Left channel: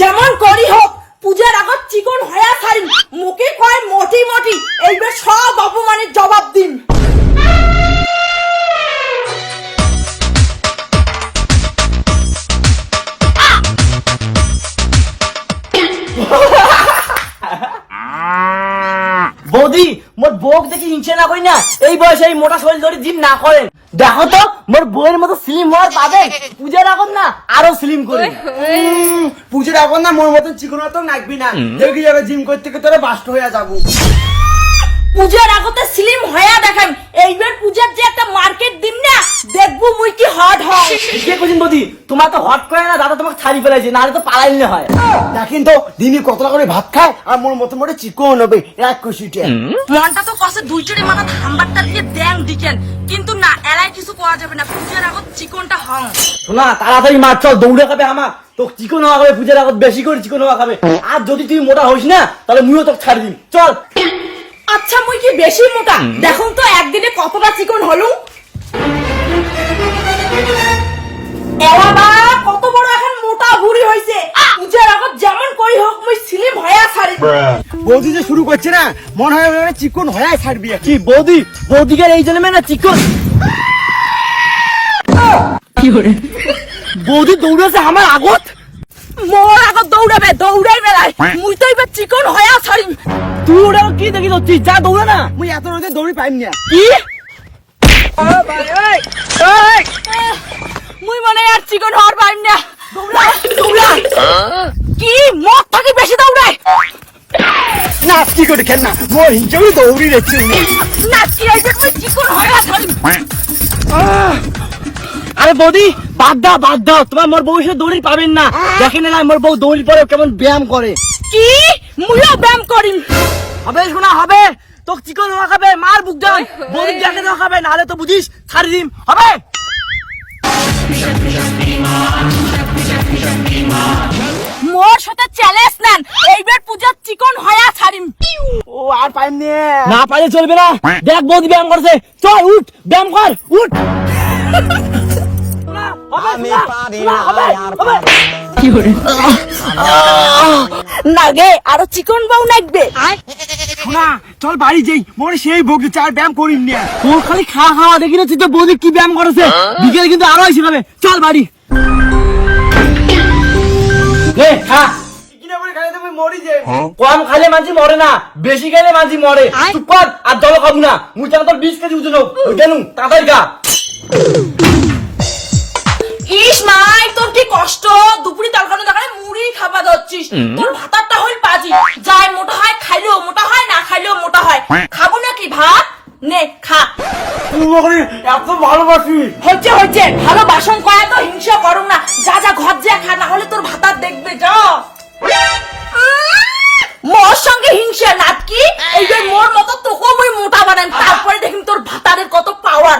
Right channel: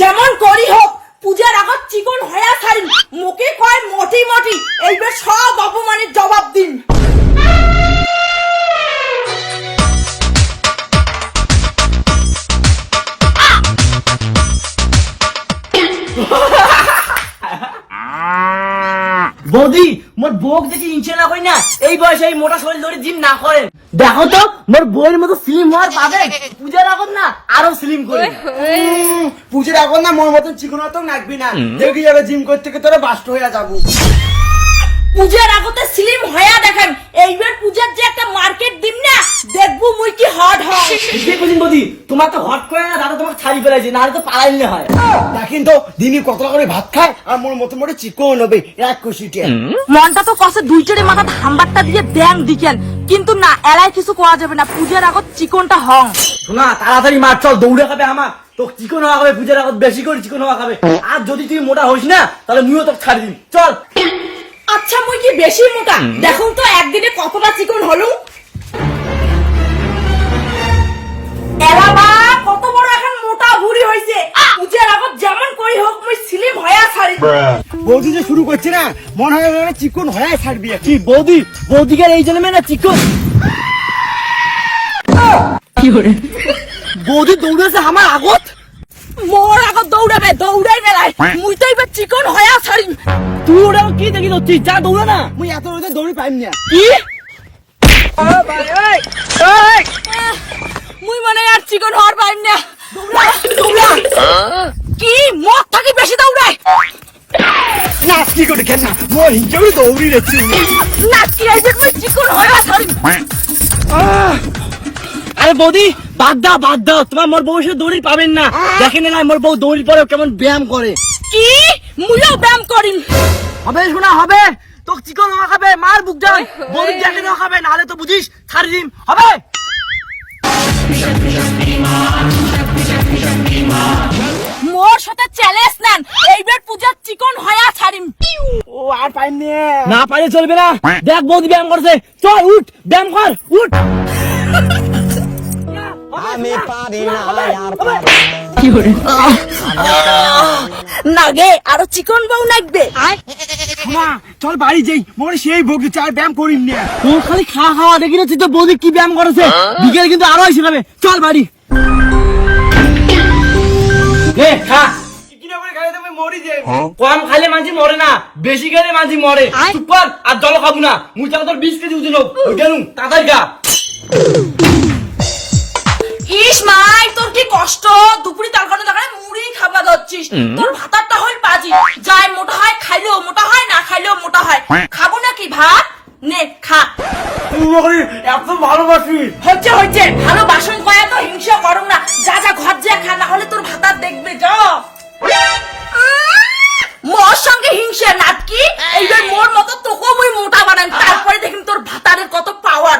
যেমন করি হোক পূজার আগত চিকন হয়া ছাড়িম। মুখে কয় মটি মটি, এইবার সব অপমানের জবাব দিন। বৌদি মোর বউক দেখি হিংসা না করি না, এই বয়সে এই মোটা শরীর ধরে জিম না করেন। দেখো তো মোর বউয়ের মতো স্লিম হওয়ার পাবে, পূজার এখন না আরো স্লিম করে। পুজোর এখন না মোর মতন চিকন তো নাকবি না, দেখি যাবে জিম করতে তোরা বাস্ট হয়ে যাবো। পূজার আগতে স্লিম হয়া দেখান, এইবার পূজার যে একটা মার্কেট দিন না, দেখবো মুই কি হট হয়। ঠিকই কইছেন বৌদি, তোমার তো হট করে না, দাদা তোমাকে ছাড়ি ফেলাইছে, নাহলে তো পালাইলে হয়। দেখেন তো দিনে কতটা করে ভাত খায়, আর মোর মতো মোটে চিকন হবে এক কুশিটে। মনটা তো কষে দুইটারে মাথা হাম্বারটা দিয়ে দেন দিকেন, কিন্তু না এলাই কিছু করা যাবে না, পূজার আগত চিকনটা হং। শোনা তাড়াতাড়ি মার, চল দৌড়ে খাবে আমার, তো চিকন হওয়া খাবে পূজার আগত, বেশি করে চিকন হওয়া খাবে। আর যদি তুই মোটা হইস না তাহলে মুইও তোকে ছাড়ি দিই, চল। আচ্ছা মুই কি বেশি মোটা? দেখুন তো একদিনে কতটা চিকন হলু। এলাবা কত বড় এখন মোটা বুড়ি হইছে। পূজার আগত যেমন করি হোক মুই স্লিম হয়া ছাড়ি। বৌদি যে শুরু করছে না, মনে হয় ওরা চিকন হয়ে ছাড়বি। কি বৌদি, বৌদিকে এই জন্মে না চিকন। বৌদি দৌড়েছে আমার আগত। মোর আগত দৌড়াবে, দৌড়াই বেড়াই, মুই তো এবার চিকন হয়া ছাড়ি। তুই ওটা কি দেখি যাচ্ছিস, যা দৌড়া না। মুই এত রোদে দৌড়ি পাইম না। কি মুই মনে আর চিকন হওয়ার পাইম না। দৌড়া দৌড়া। কি মদ থাকি বেশি দৌড়ায় না চিকন কেন না, মোর হিংসা দৌড়ি যাচ্ছি। না কি এইবার মুই চিকন হয়া ছাড়ি। আরে বৌদি বাদ দাও, তোমার মোর বউ এসে দৌড়ি পাবেন না। দেখেন না মোর বউ দৌড়ি পরে কেমন ব্যায়াম করে। কি মুইও ব্যায়াম করিম। হবে শোনা হবে, তো চিকন হওয়া খাবে, মার বুক যাবে, বৌদি দেখে না খাবে, নাহলে তো বুঝিস ছাড়ি দিম। হবে মোর সাথে চ্যালেঞ্জ নেন, এইবার পূজার চিকন হয়া ছাড়িম। ও আর পাইম না পাইলে চলবে না। দেখ বৌদি ব্যায়াম করছে, চল উঠ ব্যায়াম কর, উঠ। আমি পারি না আর না গে আরো চিকন বউ লাগবে। না চল বাড়ি যাই, মোর সেই ভোগ চার ব্যায়াম করিম না। তোর খালি খাওয়া দেখি না, তুই তো বৌদি কি ব্যায়াম করেছে। বিকেলে কিন্তু আরো এসে যাবে, চল বাড়ি। খা, মরি যাই। কম খাইলে মাঝি মরে না, বেশি খাইলে মাঝি মরে। চুপ কর, আর জল খাবো না। মুই চাল তোর 20 কেজি ওজন হোক, জানুন তাড়াতাড়ি খা। ইস মাই তোর কি কষ্ট, দুপুরি তরকারি তরকারি মুড়ি খাবা যাচ্ছিস, তোর ভাতারটা হই বাজি। যাই মোটা হয় খাইলেও মোটা হয়, না খাইলেও মোটা হয়। খাবো নাকি ভাত? নে খা। তুই এত ভালোবাসি। হচ্ছে ভালো বাসন কয়া তো হিংসা করো না। যা যা ঘর যা খা, না হলে তোর ভাতার দেখবে যা। মোর সঙ্গে হিংসা নাটকি, এইবার মোর মতো তোকেও মুই মোটা বানান, তারপরে দেখিন তোর ভাতারের কত পাওয়ার।